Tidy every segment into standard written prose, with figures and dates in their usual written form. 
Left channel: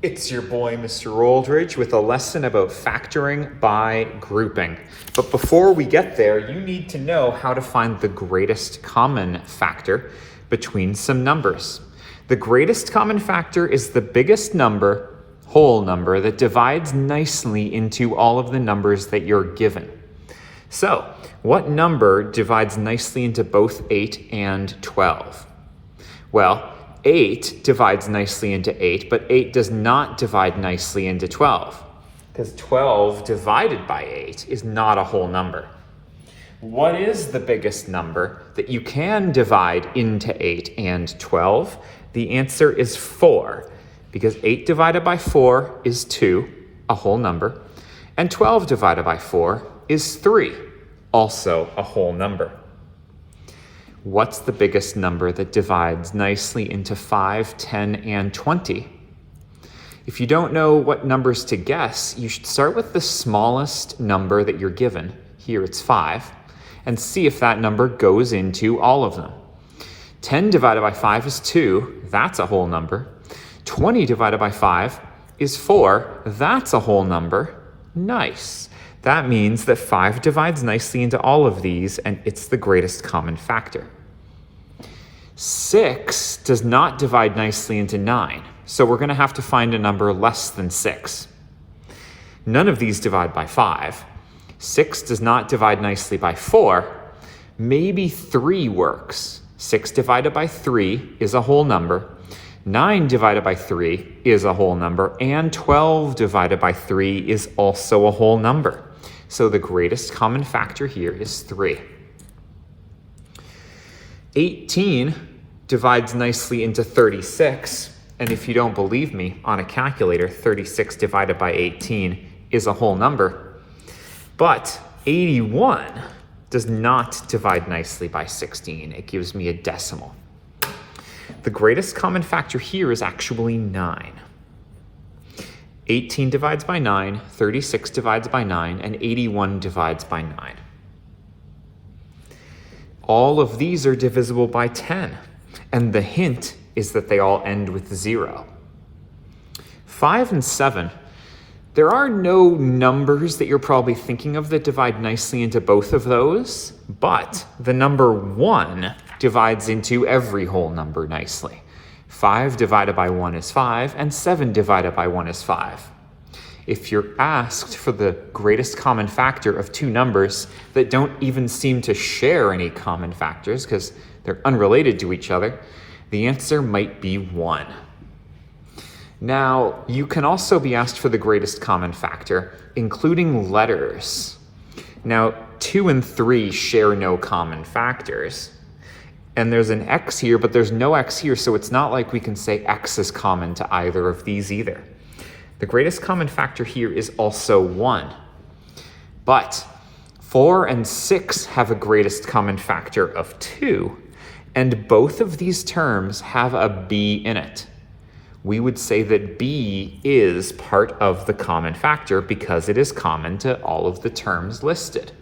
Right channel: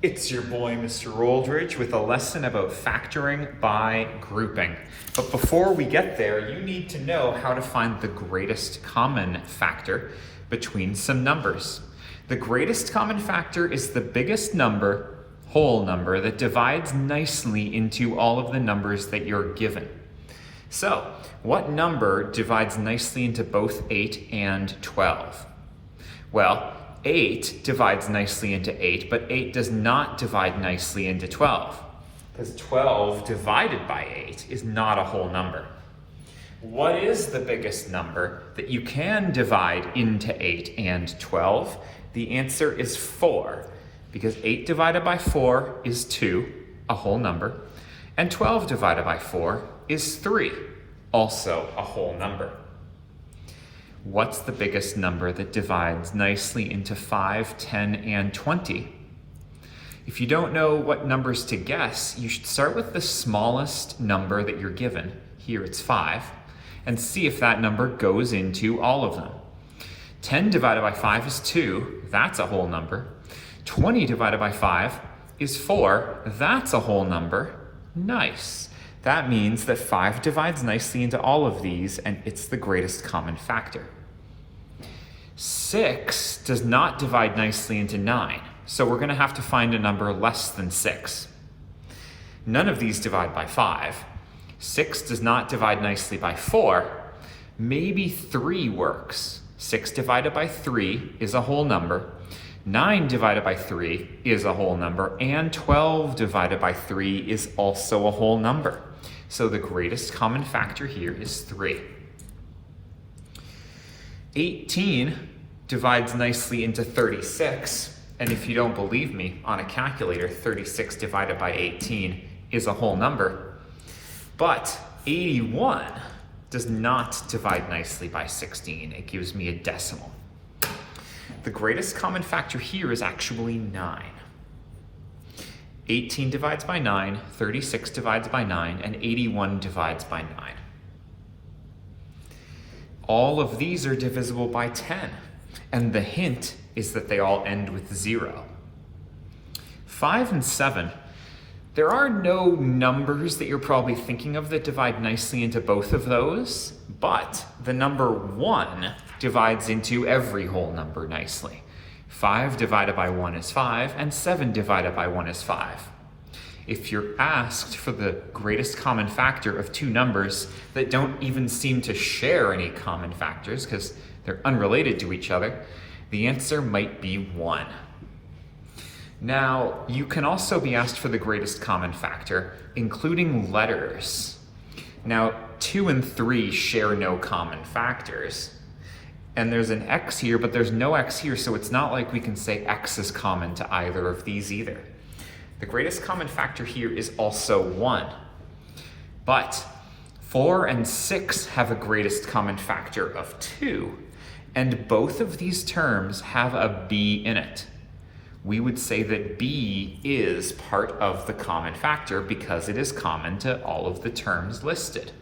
It's your boy, Mr. Oldridge, with a lesson about factoring by grouping. But before we get there, you need to know how to find the greatest common factor between some numbers. The greatest common factor is the biggest number, whole number, that divides nicely into all of the numbers that you're given. So, what number divides nicely into both 8 and 12? Well, 8 divides nicely into 8, but 8 does not divide nicely into 12, because 12 divided by 8 is not a whole number. What is the biggest number that you can divide into 8 and 12? The answer is 4, because 8 divided by 4 is 2, a whole number, and 12 divided by 4 is 3, also a whole number. What's the biggest number that divides nicely into 5, 10, and 20? If you don't know what numbers to guess, you should start with the smallest number that you're given. Here it's 5, and see if that number goes into all of them. 10 divided by 5 is 2, that's a whole number. 20 divided by 5 is 4, that's a whole number. Nice. That means that 5 divides nicely into all of these, and it's the greatest common factor. 6 does not divide nicely into 9, so we're going to have to find a number less than 6. None of these divide by 5. 6 does not divide nicely by 4. Maybe 3 works. 6 divided by 3 is a whole number. 9 divided by 3 is a whole number, and 12 divided by 3 is also a whole number. So the greatest common factor here is 3. 18 divides nicely into 36, and if you don't believe me, on a calculator, 36 divided by 18 is a whole number. But 81 does not divide nicely by 16. It gives me a decimal. The greatest common factor here is actually 9. 18 divides by 9, 36 divides by 9, and 81 divides by 9. All of these are divisible by 10, and the hint is that they all end with 0. 5 and 7, there are no numbers that you're probably thinking of that divide nicely into both of those, but the number 1 divides into every whole number nicely. 5 divided by 1 is 5, and 7 divided by 1 is 5. If you're asked for the greatest common factor of two numbers that don't even seem to share any common factors because they're unrelated to each other, the answer might be 1. Now, you can also be asked for the greatest common factor, including letters. Now, 2 and 3 share no common factors. And there's an X here, but there's no X here, so it's not like we can say X is common to either of these either. The greatest common factor here is also 1. But 4 and 6 have a greatest common factor of 2, and both of these terms have a B in it. We would say that B is part of the common factor because it is common to all of the terms listed.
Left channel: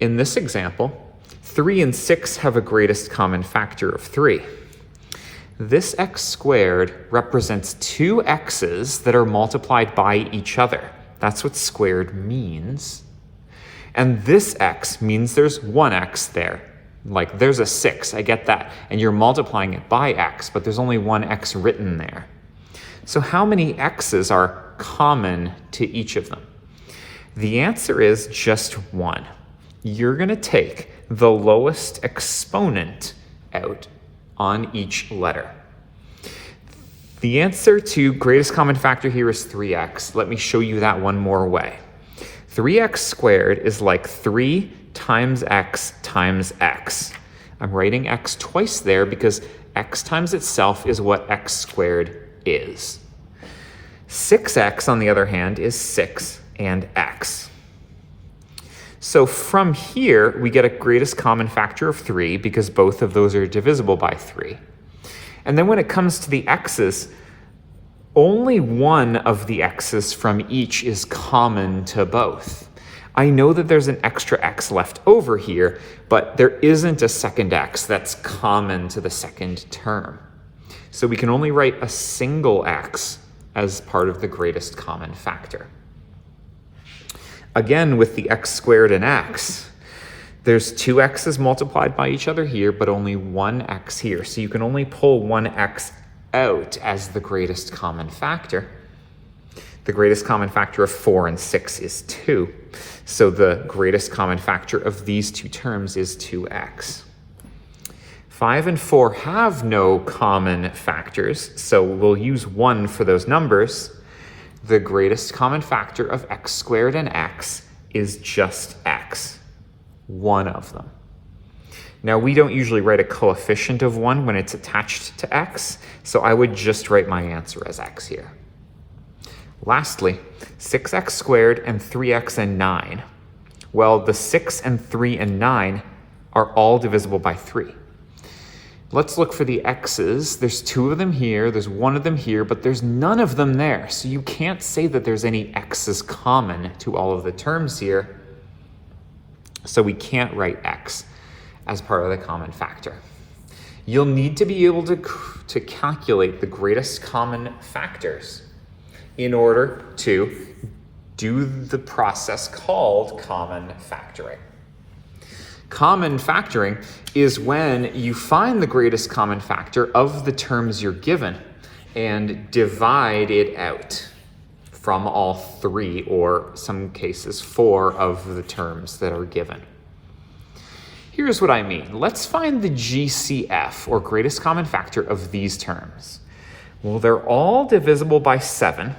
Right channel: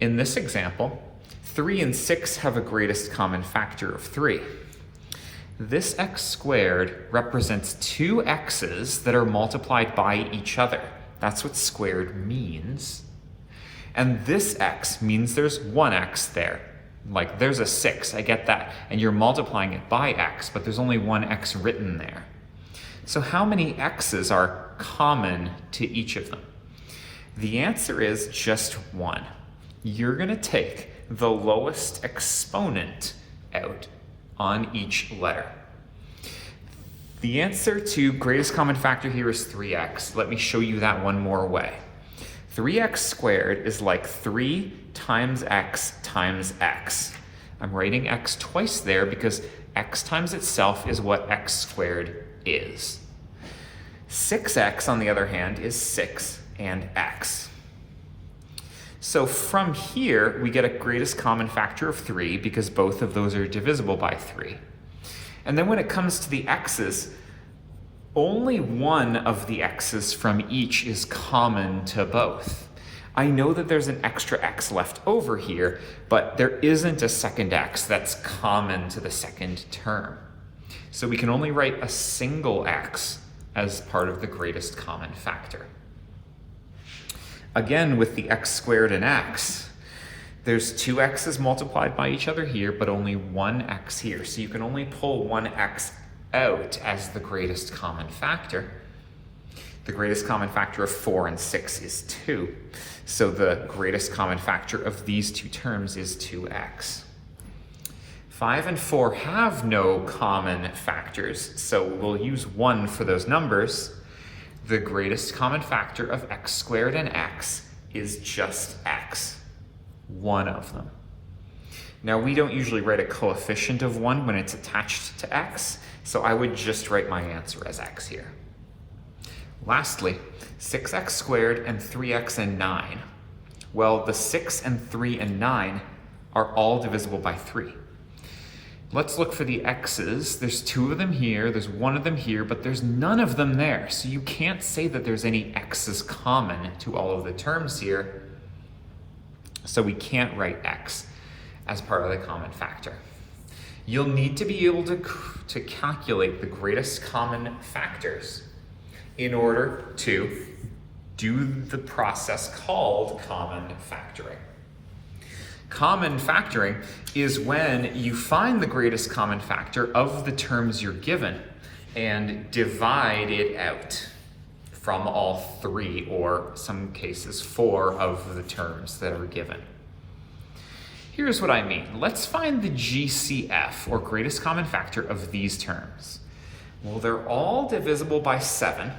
In this example, 3 and 6 have a greatest common factor of 3. This x squared represents two x's that are multiplied by each other. That's what squared means. And this x means there's one x there. Like there's a 6, I get that. And you're multiplying it by x, but there's only one x written there. So how many x's are common to each of them? The answer is just 1. You're going to take the lowest exponent out on each letter. The answer to greatest common factor here is 3x. Let me show you that one more way. 3x squared is like 3 times x times x. I'm writing x twice there because x times itself is what x squared is. 6x, on the other hand, is 6 and x. So from here, we get a greatest common factor of 3 because both of those are divisible by 3. And then when it comes to the x's, only one of the x's from each is common to both. I know that there's an extra x left over here, but there isn't a second x that's common to the second term. So we can only write a single x as part of the greatest common factor. Again, with the x squared and x, there's two x's multiplied by each other here, but only one x here. So you can only pull one x out as the greatest common factor. The greatest common factor of 4 and 6 is 2. So the greatest common factor of these two terms is 2x. 5 and 4 have no common factors, so we'll use 1 for those numbers. The greatest common factor of x squared and x is just x, one of them. Now, we don't usually write a coefficient of 1 when it's attached to x, so I would just write my answer as x here. Lastly, 6x squared and 3x and 9. Well, the 6 and 3 and 9 are all divisible by 3. Let's look for the x's. There's 2 of them here, there's 1 of them here, but there's none of them there. So you can't say that there's any x's common to all of the terms here. So we can't write x as part of the common factor. You'll need to be able to calculate the greatest common factors in order to do the process called common factoring. Common factoring is when you find the greatest common factor of the terms you're given and divide it out from all 3, or some cases 4 of the terms that are given. Here's what I mean. Let's find the GCF, or greatest common factor, of these terms. Well, they're all divisible by 7.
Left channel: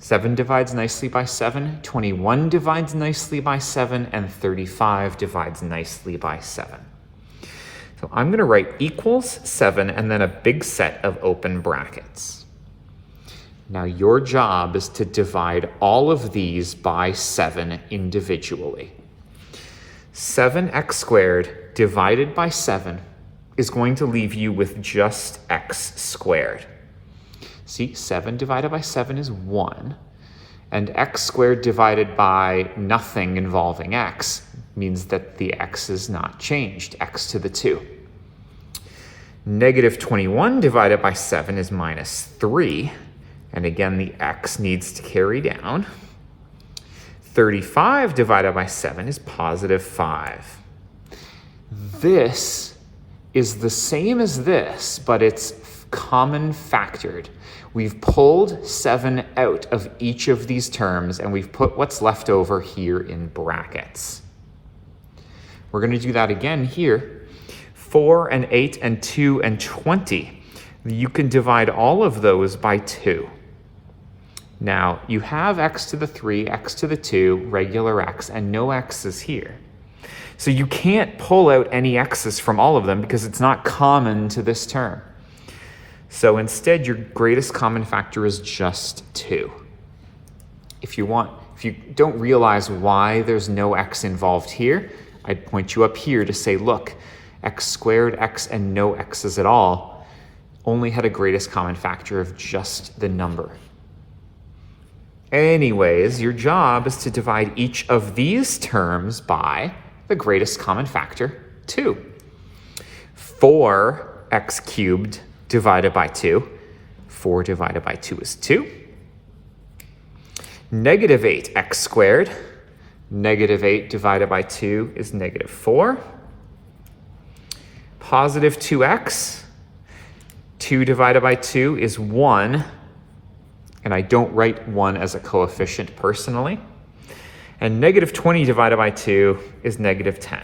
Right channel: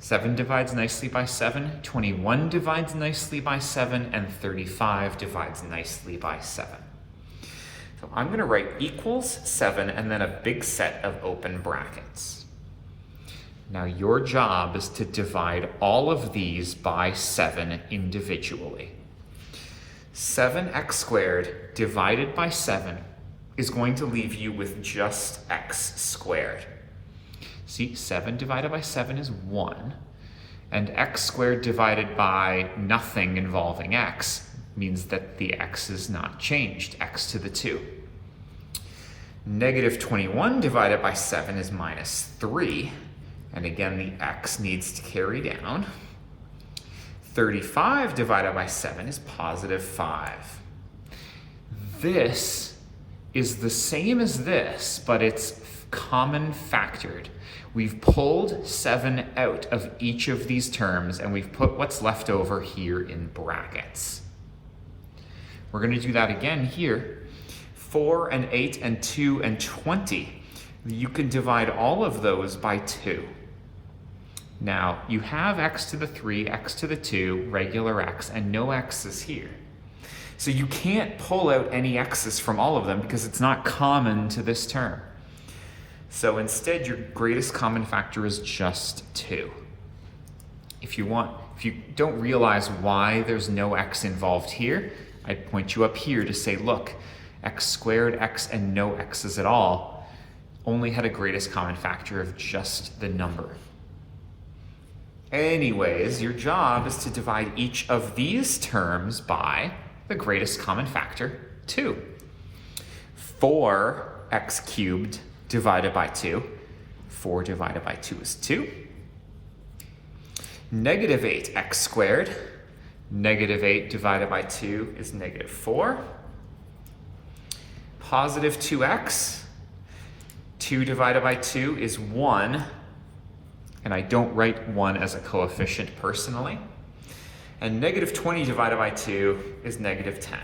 7 divides nicely by 7, 21 divides nicely by 7, and 35 divides nicely by 7. So I'm going to write equals 7 and then a big set of open brackets. Now your job is to divide all of these by 7 individually. 7x squared divided by 7 is going to leave you with just x squared. See, 7 divided by 7 is 1, and x squared divided by nothing involving x means that the x is not changed, x to the 2. Negative 21 divided by 7 is minus 3, and again the x needs to carry down. 35 divided by 7 is positive 5. This is the same as this, but it's common factored. We've pulled 7 out of each of these terms, and we've put what's left over here in brackets. We're going to do that again here. 4 and 8 and 2 and 20. You can divide all of those by 2. Now, you have x to the 3, x to the 2, regular x, and no x's here. So you can't pull out any x's from all of them because it's not common to this term. So instead, your greatest common factor is just 2. If you don't realize why there's no x involved here, I'd point you up here to say, look, x squared, x, and no x's at all only had a greatest common factor of just the number. Anyways, your job is to divide each of these terms by the greatest common factor, 2. 4x cubed divided by 2. 4 divided by 2 is 2. Negative 8x squared. Negative 8 divided by 2 is negative 4. Positive 2x. 2 divided by 2 is 1. And I don't write 1 as a coefficient personally. And negative 20 divided by 2 is negative 10.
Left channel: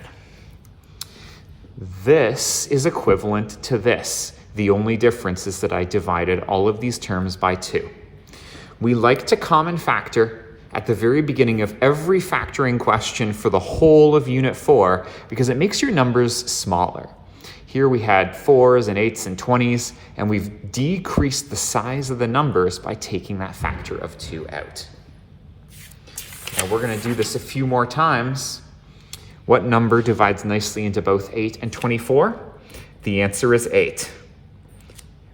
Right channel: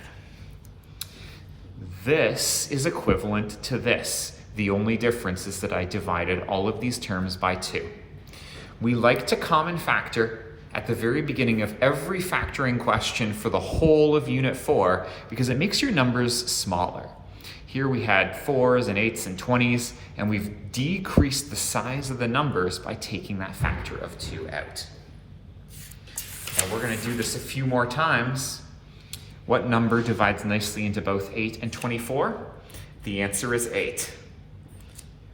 This is equivalent to this. The only difference is that I divided all of these terms by 2. We like to common factor at the very beginning of every factoring question for the whole of Unit 4 because it makes your numbers smaller. Here we had 4s and 8s and 20s, and we've decreased the size of the numbers by taking that factor of 2 out. Now we're going to do this a few more times. What number divides nicely into both 8 and 24? The answer is 8.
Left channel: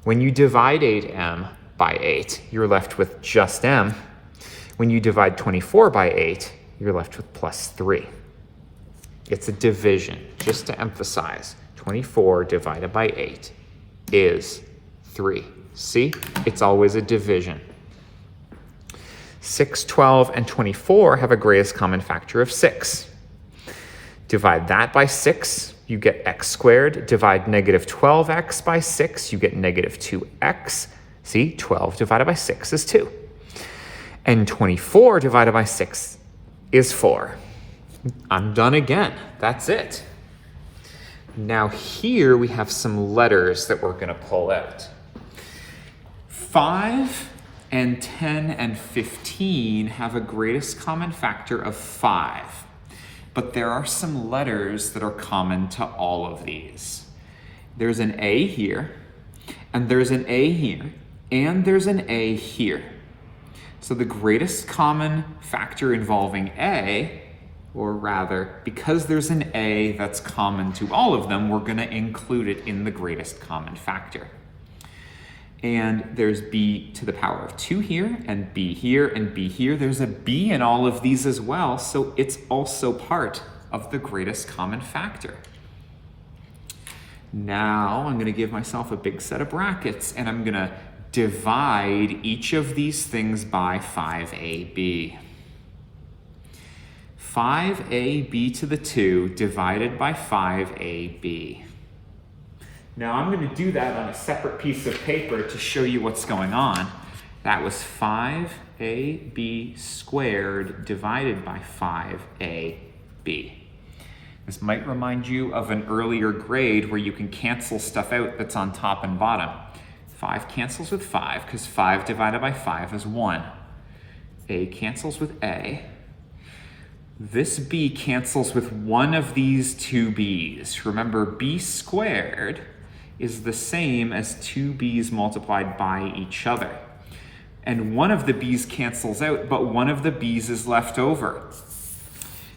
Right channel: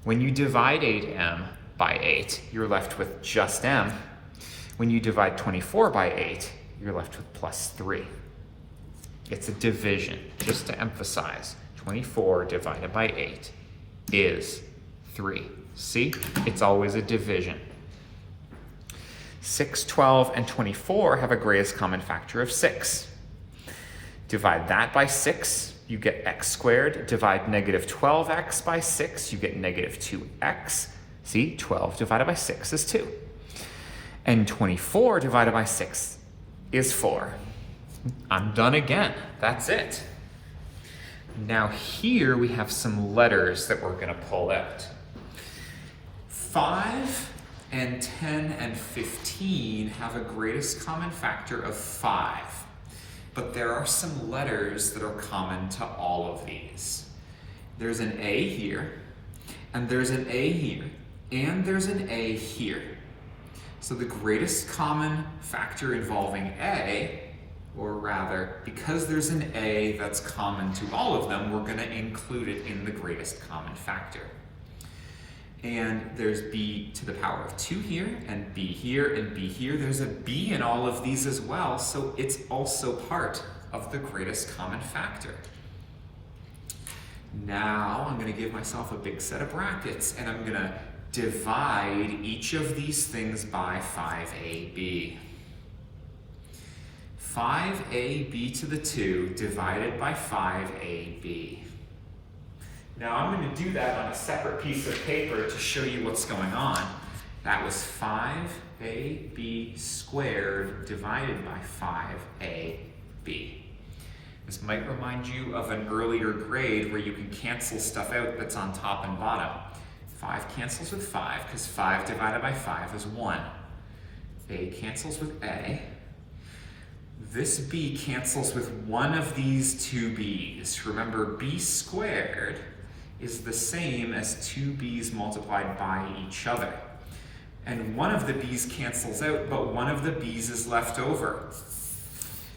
When you divide 8m by 8, you're left with just m. When you divide 24 by 8, you're left with plus 3. It's a division, just to emphasize. 24 divided by 8 is 3. See, it's always a division. 6, 12, and 24 have a greatest common factor of 6. Divide that by 6, you get x squared. Divide negative 12x by 6, you get negative 2x. See, 12 divided by 6 is 2. And 24 divided by 6 is 4. I'm done again. That's it. Now here we have some letters that we're going to pull out. 5 and 10 and 15 have a greatest common factor of 5. But there are some letters that are common to all of these. There's an A here, and there's an A here, and there's an A here. So the greatest common factor involving A, or rather, because there's an A that's common to all of them, we're going to include it in the greatest common factor. And there's b to the power of 2 here, and b here, and b here. There's a b in all of these as well, so it's also part of the greatest common factor. Now I'm going to give myself a big set of brackets, and I'm going to divide each of these things by 5ab. 5ab to the 2 divided by 5ab. Now I'm going to do that on a separate piece of paper to show you what's going on. That was 5ab squared divided by 5ab. This might remind you of an earlier grade where you can cancel stuff out that's on top and bottom. 5 cancels with 5 because 5 divided by 5 is 1. A cancels with A. This b cancels with one of these two b's. Remember, b squared is the same as 2 b's multiplied by each other. And one of the b's cancels out, but one of the b's is left over.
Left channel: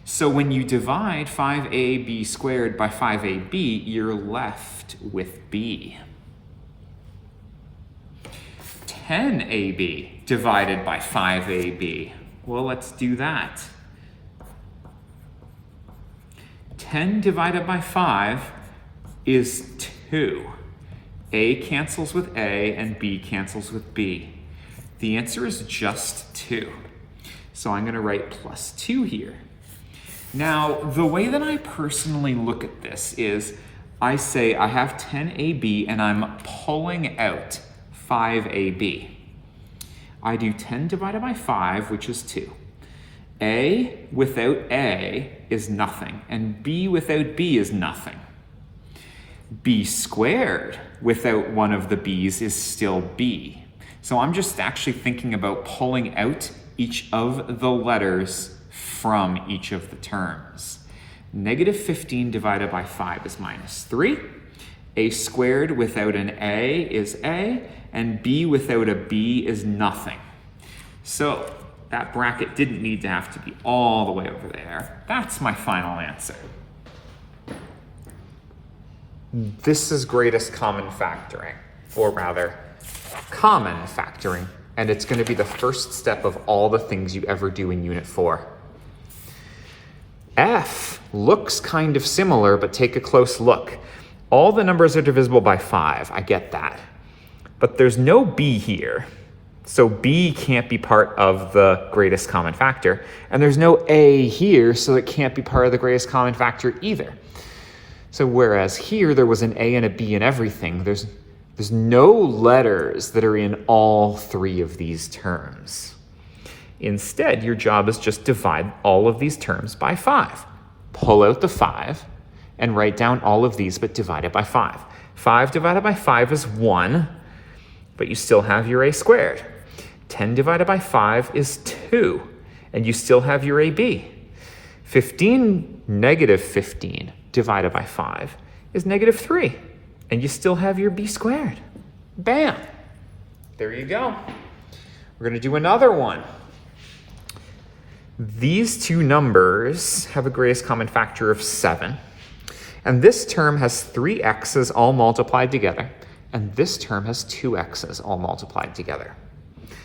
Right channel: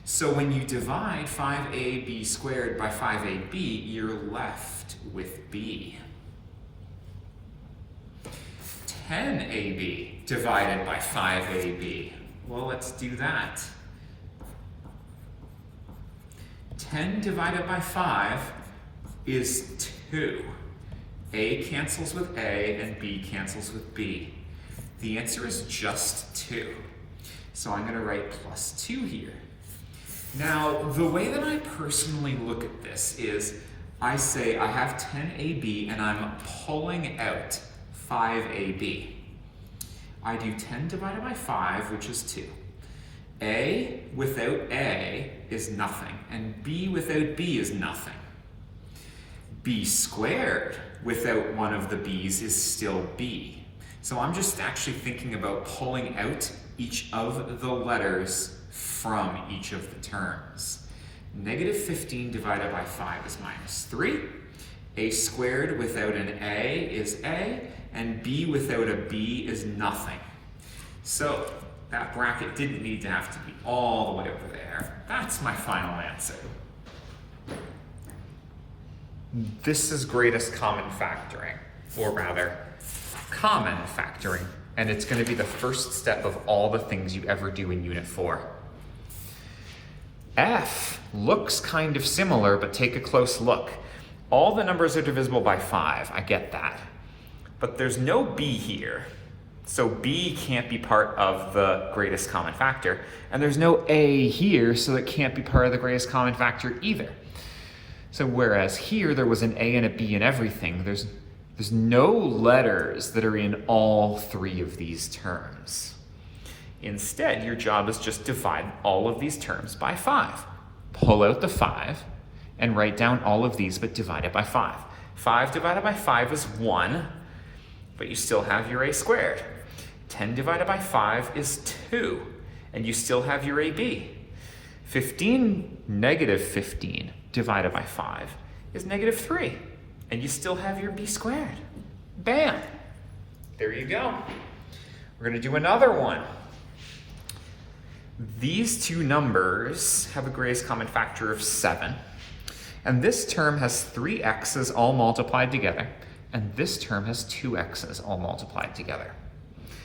So when you divide 5ab squared by 5ab, you're left with b. 10ab divided by 5ab. Well, let's do that. 10 divided by 5 is 2. A cancels with A and B cancels with B. The answer is just 2. So I'm going to write plus 2 here. Now, the way that I personally look at this is I say I have 10AB and I'm pulling out 5AB. I do 10 divided by 5, which is 2. A without A is nothing, and B without B is nothing. B squared without one of the B's is still B. So I'm just actually thinking about pulling out each of the letters from each of the terms. Negative 15 divided by 5 is minus 3. A squared without an A is A, and B without a B is nothing. So that bracket didn't need to have to be all the way over there. That's my final answer. This is greatest common factoring, or rather, common factoring, and it's going to be the first step of all the things you ever do in Unit 4. F looks kind of similar, but take a close look. All the numbers are divisible by 5, I get that. But there's no B here. So B can't be part of the greatest common factor, and there's no A here, so it can't be part of the greatest common factor either. So whereas here there was an A and a B in everything, there's no letters that are in all 3 of these terms. Instead, your job is just divide all of these terms by 5. Pull out the 5 and write down all of these, but divide it by 5. 5 divided by 5 is 1, but you still have your A squared. 10 divided by 5 is 2, and you still have your AB. Negative 15 divided by 5 is negative 3, and you still have your B squared. Bam! There you go. We're going to do another one. These two numbers have a greatest common factor of 7, and this term has 3 x's all multiplied together, and this term has 2 x's all multiplied together.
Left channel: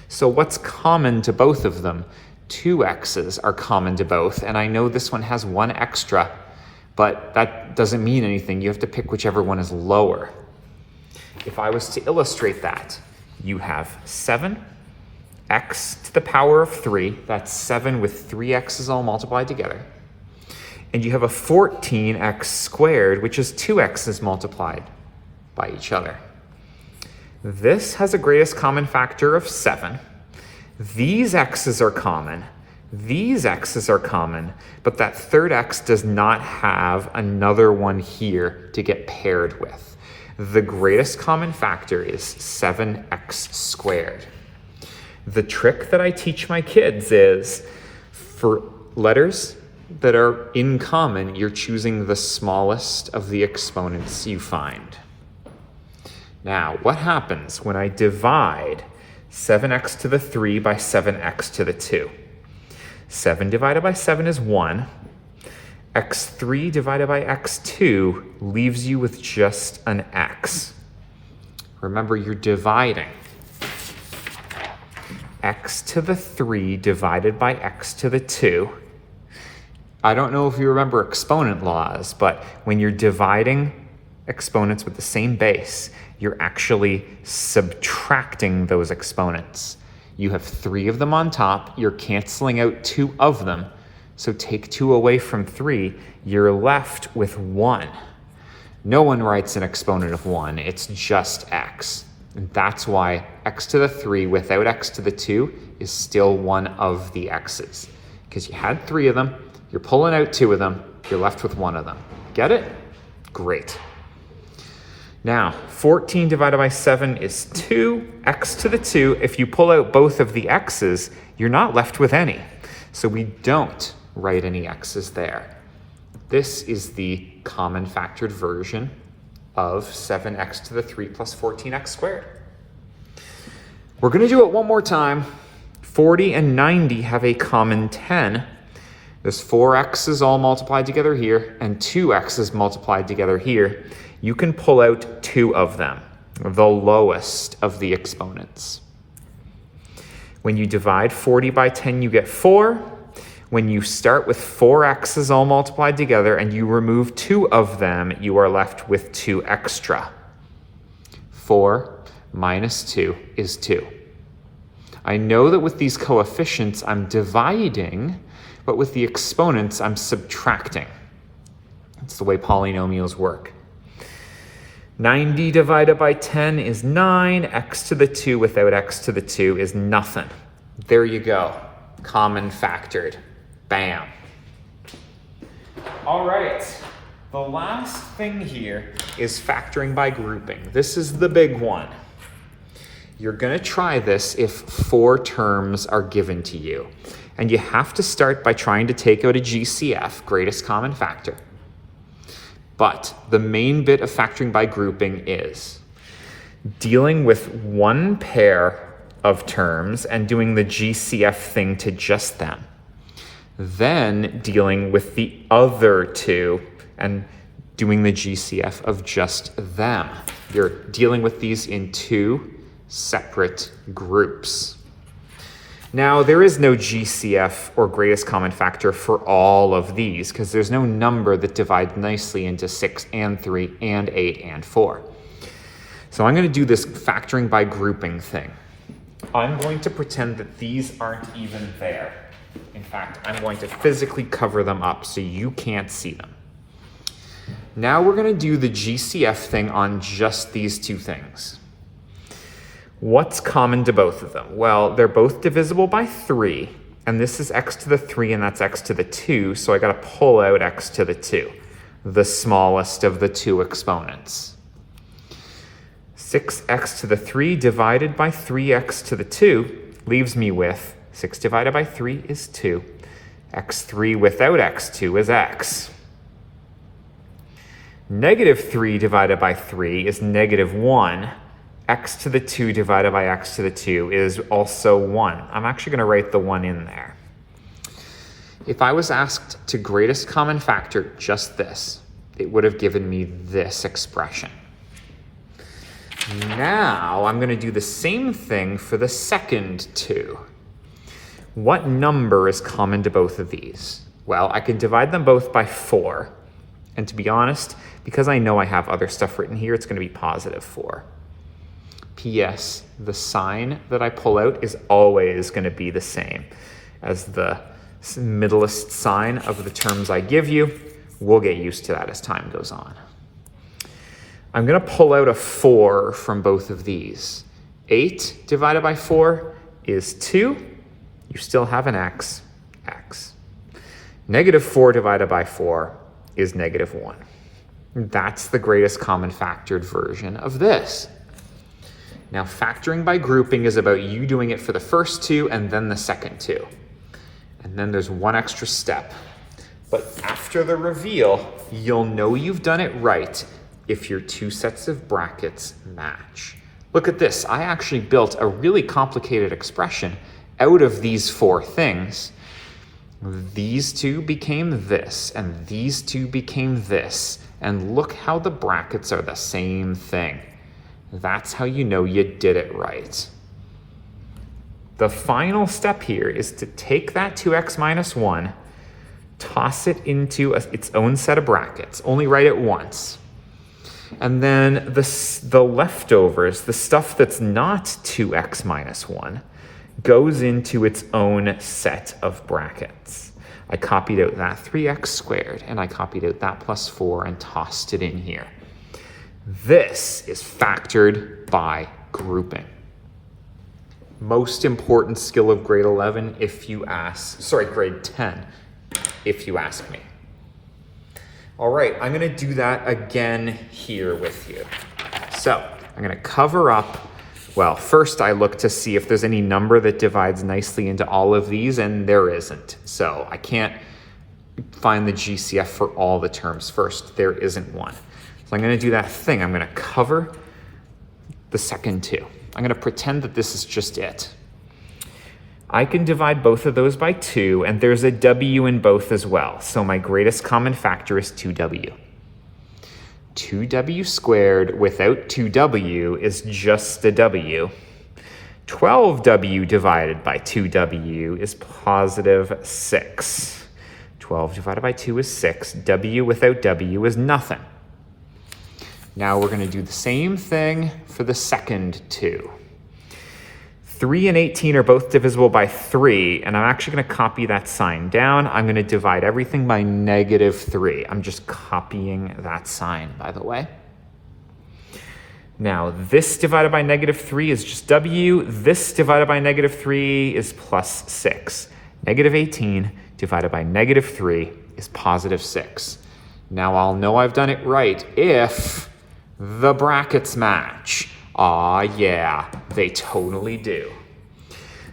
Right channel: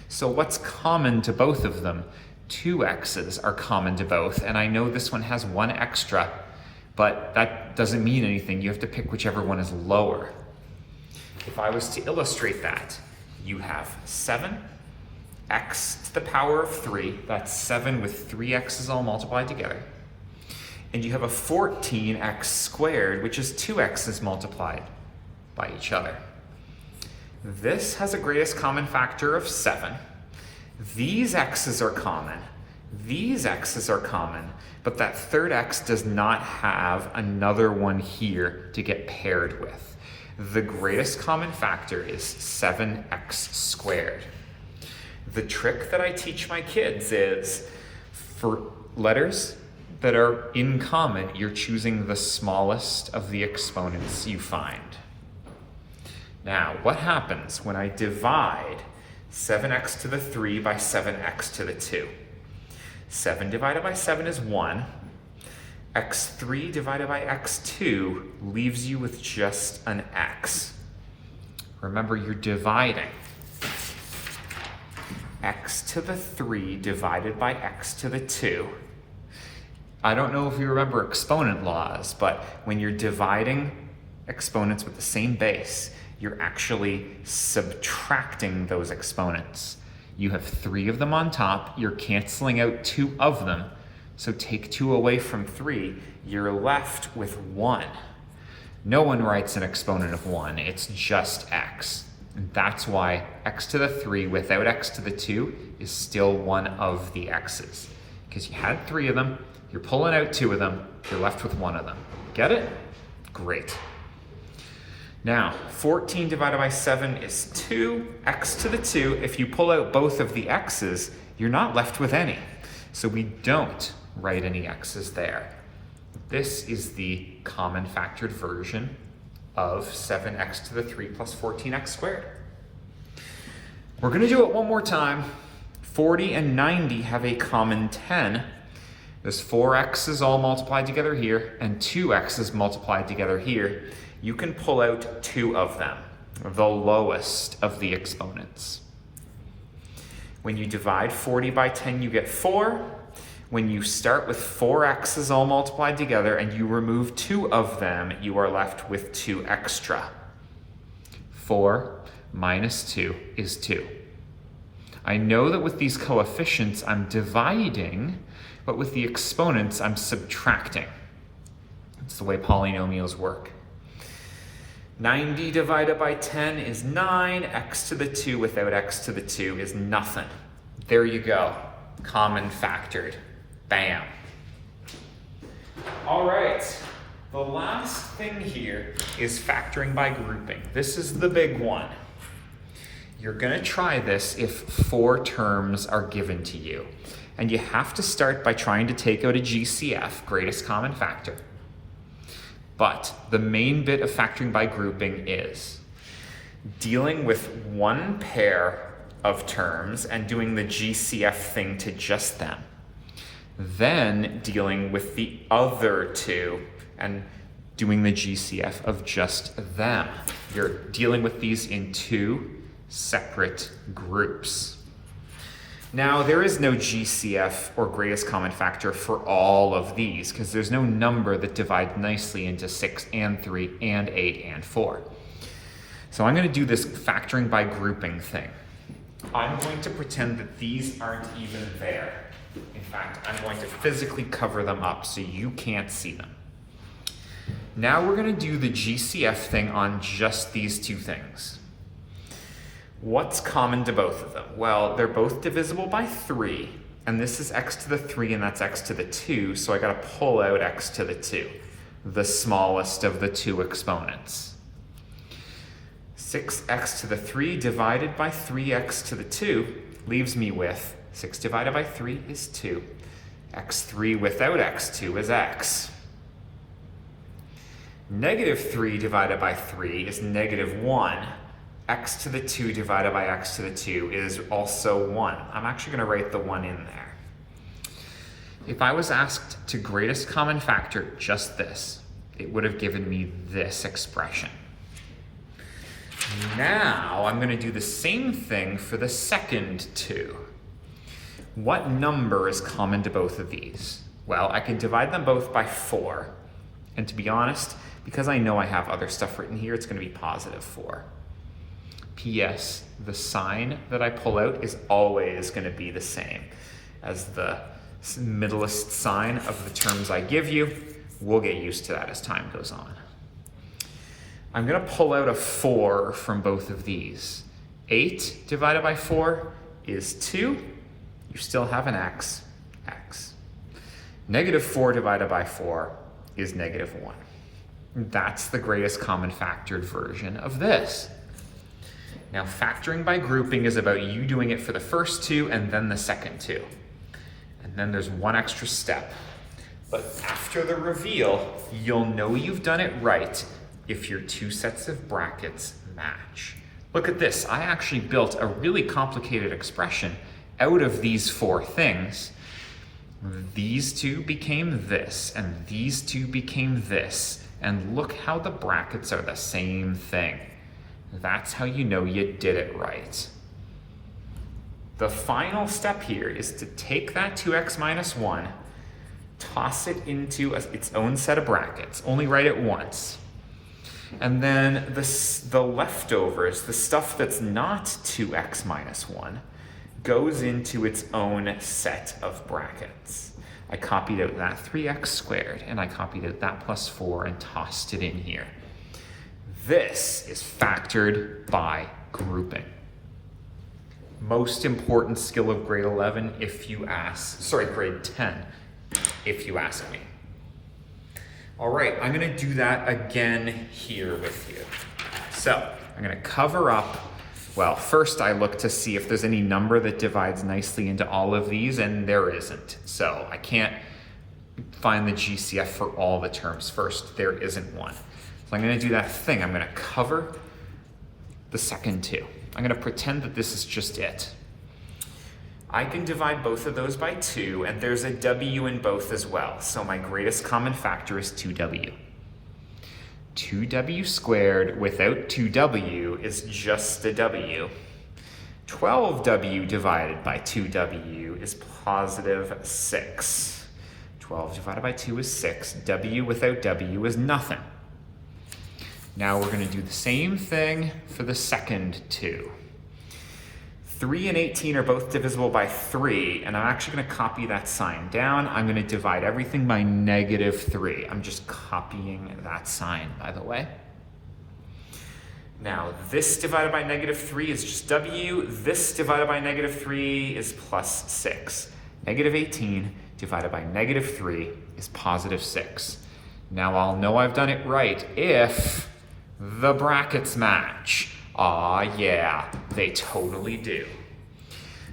So what's common to both of them? 2 x's are common to both, and I know this one has 1 extra, but that doesn't mean anything. You have to pick whichever one is lower. If I was to illustrate that, you have 7x to the power of 3. That's 7 with 3 x's all multiplied together. And you have a 14x squared, which is 2 x's multiplied by each other. This has a greatest common factor of 7. These x's are common. These x's are common, but that third x does not have another one here to get paired with. The greatest common factor is 7x squared. The trick that I teach my kids is for letters that are in common, you're choosing the smallest of the exponents you find. Now, what happens when I divide 7x to the 3 by 7x to the 2? 7 divided by 7 is 1. x3 divided by x2 leaves you with just an x. Remember, you're dividing. X to the 3 divided by x to the 2. I don't know if you remember exponent laws, but when you're dividing exponents with the same base, you're actually subtracting those exponents. You have 3 of them on top, you're canceling out 2 of them, so take 2 away from 3, you're left with 1. No one writes an exponent of 1, it's just x. And that's why x to the 3 without x to the 2 is still one of the x's. Because you had 3 of them, you're pulling out 2 of them, you're left with 1 of them. Get it? Great. Now, 14 divided by 7 is 2, x to the 2. If you pull out both of the x's, you're not left with any. So we don't write any x's there. This is the common factored version of 7x to the 3 plus 14x squared. We're going to do it one more time. 40 and 90 have a common 10. There's 4 x's all multiplied together here and 2 x's multiplied together here. You can pull out 2 of them, the lowest of the exponents. When you divide 40 by 10, you get 4. When you start with 4 x's all multiplied together and you remove 2 of them, you are left with 2 extra. 4 minus 2 is 2. I know that with these coefficients, I'm dividing, but with the exponents, I'm subtracting. It's the way polynomials work. 90 divided by 10 is 9. X to the 2 without x to the 2 is nothing. There you go. Common factored. Bam. All right. The last thing here is factoring by grouping. This is the big one. You're going to try this if 4 terms are given to you. And you have to start by trying to take out a GCF, greatest common factor. But the main bit of factoring by grouping is dealing with one pair of terms and doing the GCF thing to just them. Then dealing with the other 2 and doing the GCF of just them. You're dealing with these in 2 separate groups. Now, there is no GCF or greatest common factor for all of these because there's no number that divides nicely into 6 and 3 and 8 and 4. So I'm going to do this factoring by grouping thing. I'm going to pretend that these aren't even there. In fact, I'm going to physically cover them up so you can't see them. Now we're going to do the GCF thing on just these 2 things. What's common to both of them? Well, they're both divisible by 3, and this is x to the 3 and that's x to the 2, so I got to pull out x to the 2, the smallest of the 2 exponents. 6x to the 3 divided by 3x to the 2 leaves me with 6 divided by 3 is 2. x3 without x2 is x. Negative 3 divided by 3 is negative 1. X to the 2 divided by x to the 2 is also 1. I'm actually going to write the 1 in there. If I was asked to greatest common factor just this, it would have given me this expression. Now I'm going to do the same thing for the second 2. What number is common to both of these? Well, I can divide them both by 4. And to be honest, because I know I have other stuff written here, it's going to be positive 4. P.S. The sign that I pull out is always going to be the same as the middlest sign of the terms I give you. We'll get used to that as time goes on. I'm going to pull out a 4 from both of these. 8 divided by 4 is 2. You still have an x, x. Negative 4 divided by 4 is negative 1. That's the greatest common factored version of this. Now, factoring by grouping is about you doing it for the first two and then the second two. And then there's one extra step. But after the reveal, you'll know you've done it right if your two sets of brackets match. Look at this. I actually built a really complicated expression out of these four things. These two became this, and these two became this. And look how the brackets are the same thing. That's how you know you did it right. The final step here is to take that 2x minus 1, toss it into its own set of brackets. Only write it once. And then the leftovers, the stuff that's not 2x minus 1, goes into its own set of brackets. I copied out that 3x squared, and I copied out that plus 4 and tossed it in here. This is factored by grouping. Most important skill of grade 11 if you ask, sorry, grade 10, if you ask me. All right, I'm gonna do that again here with you. So I'm gonna cover up, well, first I look to see if there's any number that divides nicely into all of these, and there isn't. So I can't find the GCF for all the terms first. There isn't one. So I'm gonna do that thing. I'm gonna cover the second two. I'm gonna pretend that this is just it. I can divide both of those by 2, and there's a w in both as well. So my greatest common factor is 2w. 2w squared without 2w is just a w. 12w divided by 2w is positive 6. 12 divided by 2 is 6. W without w is nothing. Now we're going to do the same thing for the second two. 3 and 18 are both divisible by 3, and I'm actually going to copy that sign down. I'm going to divide everything by negative 3. I'm just copying that sign, by the way. Now, this divided by negative 3 is just w. This divided by negative 3 is plus 6. Negative 18 divided by negative 3 is positive 6. Now, I'll know I've done it right if the brackets match. Aw, yeah, they totally do.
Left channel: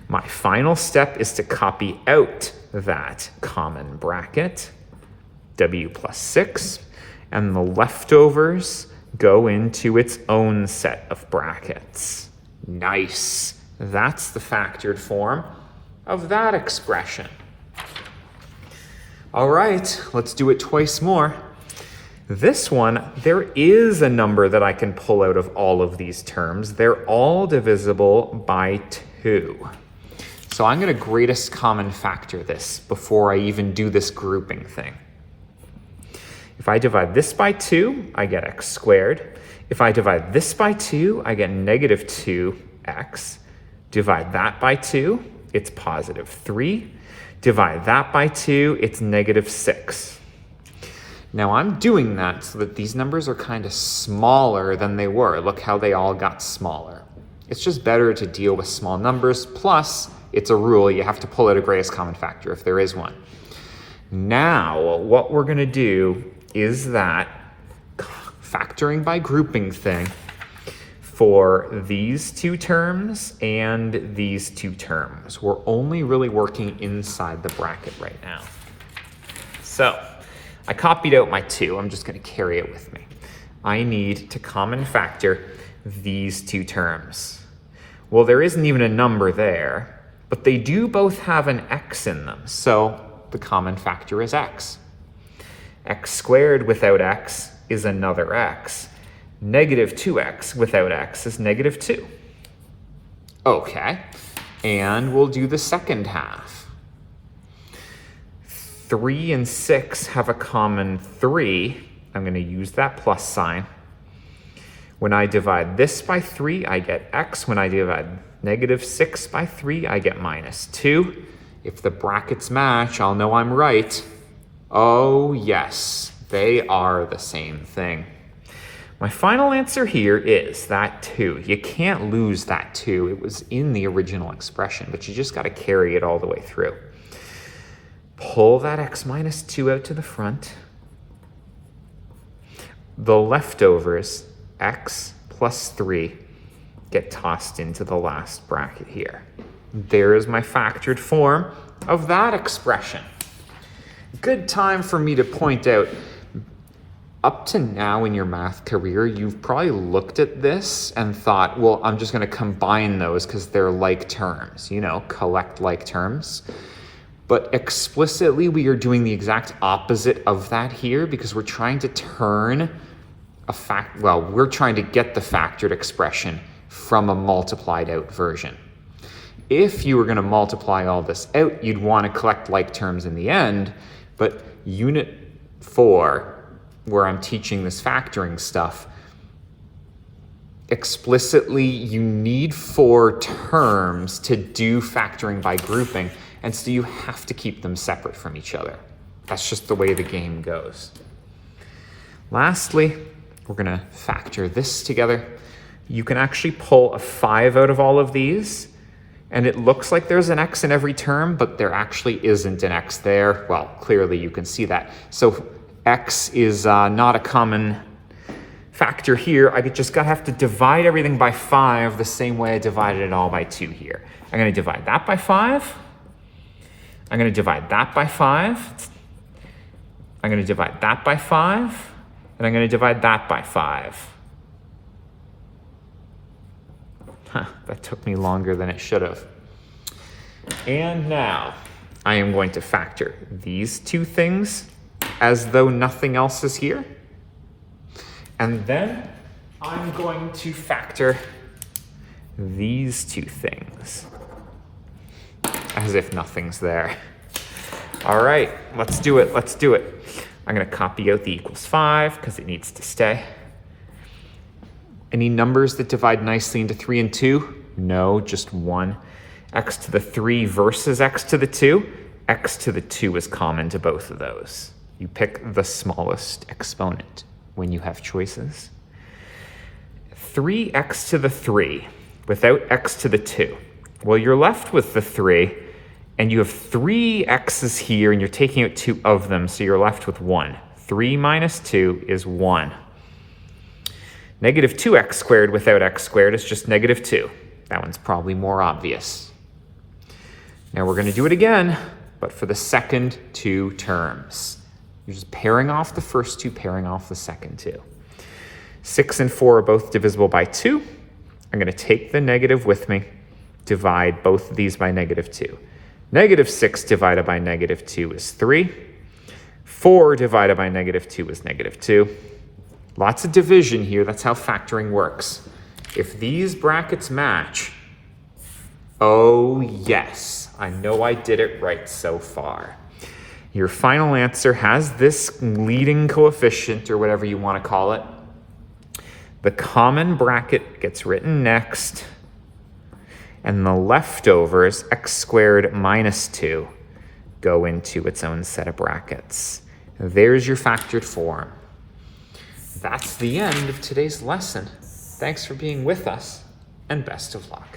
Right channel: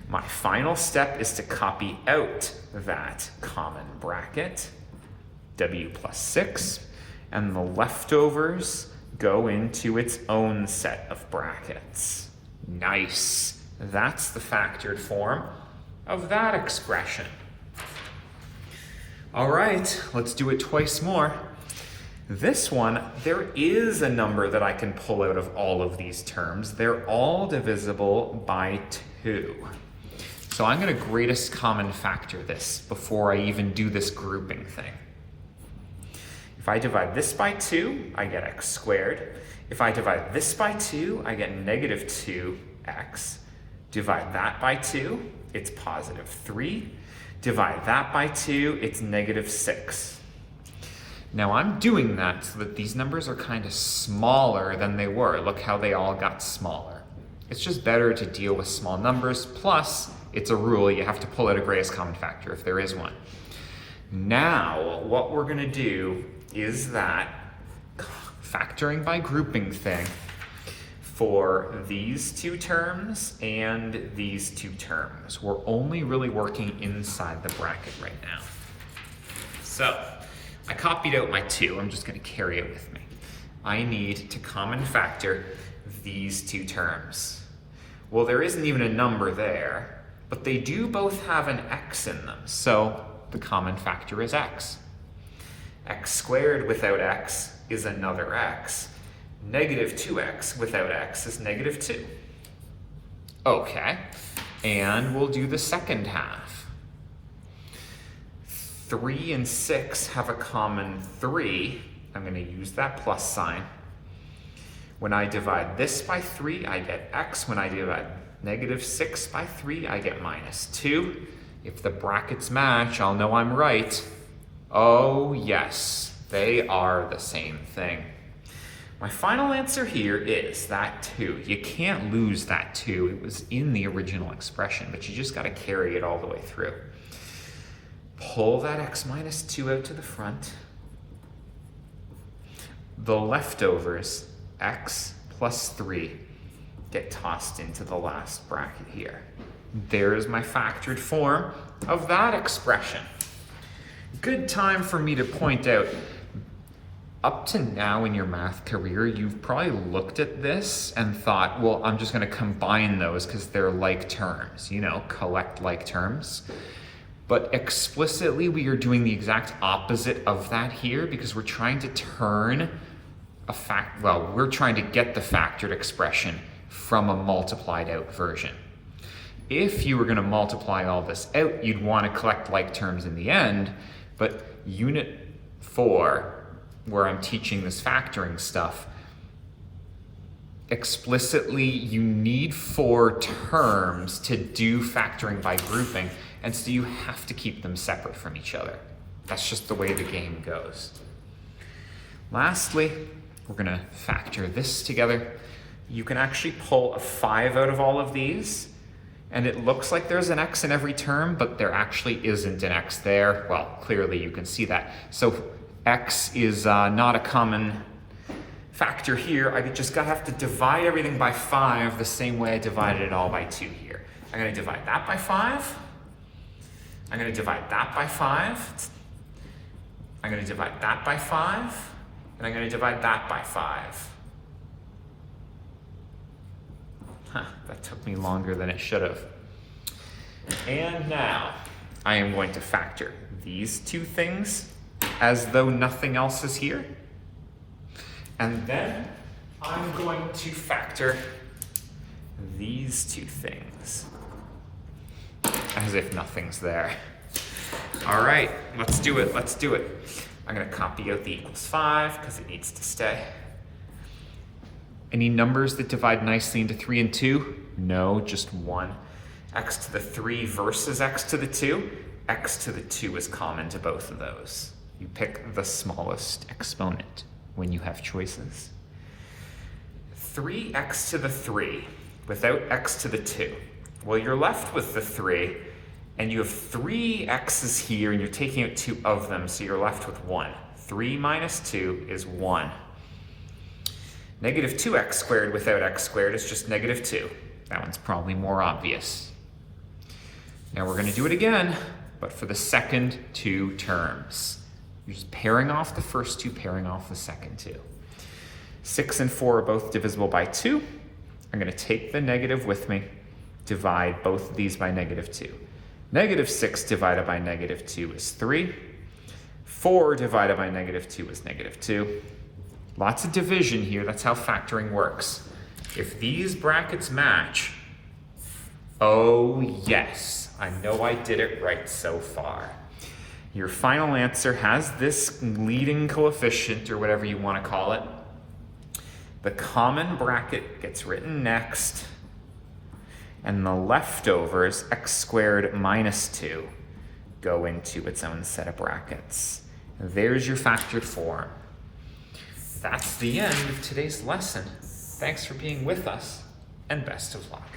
My final step is to copy out that common bracket, w plus 6, and the leftovers go into its own set of brackets. Nice. That's the factored form of that expression. All right, let's do it twice more. This one, there is a number that I can pull out of all of these terms. They're all divisible by 2. So I'm going to greatest common factor this before I even do this grouping thing. If I divide this by 2, I get x squared. If I divide this by 2, I get negative 2x. Divide that by 2, it's positive 3. Divide that by 2, it's negative 6. Now I'm doing that so that these numbers are kind of smaller than they were. Look how they all got smaller. It's just better to deal with small numbers. Plus, it's a rule. You have to pull out a greatest common factor if there is one. Now, what we're going to do is that factoring by grouping thing for these two terms and these two terms. We're only really working inside the bracket right now. So I copied out my 2. I'm just going to carry it with me. I need to common factor these two terms. Well, there isn't even a number there, but they do both have an x in them. So the common factor is x. X squared without x is another x. Negative 2x without x is negative 2. Okay, and we'll do the second half. 3 and 6 have a common 3. I'm going to use that plus sign. When I divide this by 3, I get x. When I divide -6 by 3, I get -2. If the brackets match, I'll know I'm right. Oh yes, they are the same thing. My final answer here is that 2. You can't lose that 2. It was in the original expression, but you just got to carry it all the way through. Pull that x minus 2 out to the front. The leftovers, x plus 3, get tossed into the last bracket here. There is my factored form of that expression. Good time for me to point out, up to now in your math career, you've probably looked at this and thought, well, I'm just going to combine those because they're like terms, you know, collect like terms. But explicitly, we are doing the exact opposite of that here because we're trying to turn we're trying to get the factored expression from a multiplied out version. If you were going to multiply all this out, you'd want to collect like terms in the end, but unit 4, where I'm teaching this factoring stuff, explicitly you need 4 terms to do factoring by grouping, and so you have to keep them separate from each other. That's just the way the game goes. Lastly, we're going to factor this together. You can actually pull a 5 out of all of these, and it looks like there's an x in every term, but there actually isn't an x there. Well, clearly you can see that. So x is not a common factor here. I just have to divide everything by 5 the same way I divided it all by 2 here. I'm going to divide that by 5. I'm going to divide that by 5. I'm going to divide that by 5. And I'm going to divide that by 5. That took me longer than it should have. And now I am going to factor these 2 things as though nothing else is here. And then I'm going to factor these 2 things as if nothing's there. All right, let's do it. Let's do it. I'm going to copy out the equals 5 because it needs to stay. Any numbers that divide nicely into 3 and 2? No, just 1. X to the 3 versus x to the 2. X to the 2 is common to both of those. You pick the smallest exponent when you have choices. 3x to the 3 without x to the 2. Well, you're left with the 3, and you have 3 x's here, and you're taking out 2 of them, so you're left with 1. 3 minus 2 is 1. Negative 2x squared without x squared is just negative 2. That one's probably more obvious. Now we're going to do it again, but for the second 2 terms. You're just pairing off the first 2, pairing off the second 2. 6 and 4 are both divisible by 2. I'm going to take the negative with me, divide both of these by negative 2. Negative 6 divided by negative 2 is 3. 4 divided by negative 2 is negative 2. Lots of division here. That's how factoring works. If these brackets match, oh yes, I know I did it right so far. Your final answer has this leading coefficient, or whatever you want to call it. The common bracket gets written next, and the leftovers, x squared minus 2, go into its own set of brackets. There's your factored form. That's the end of today's lesson. Thanks for being with us, and best of luck.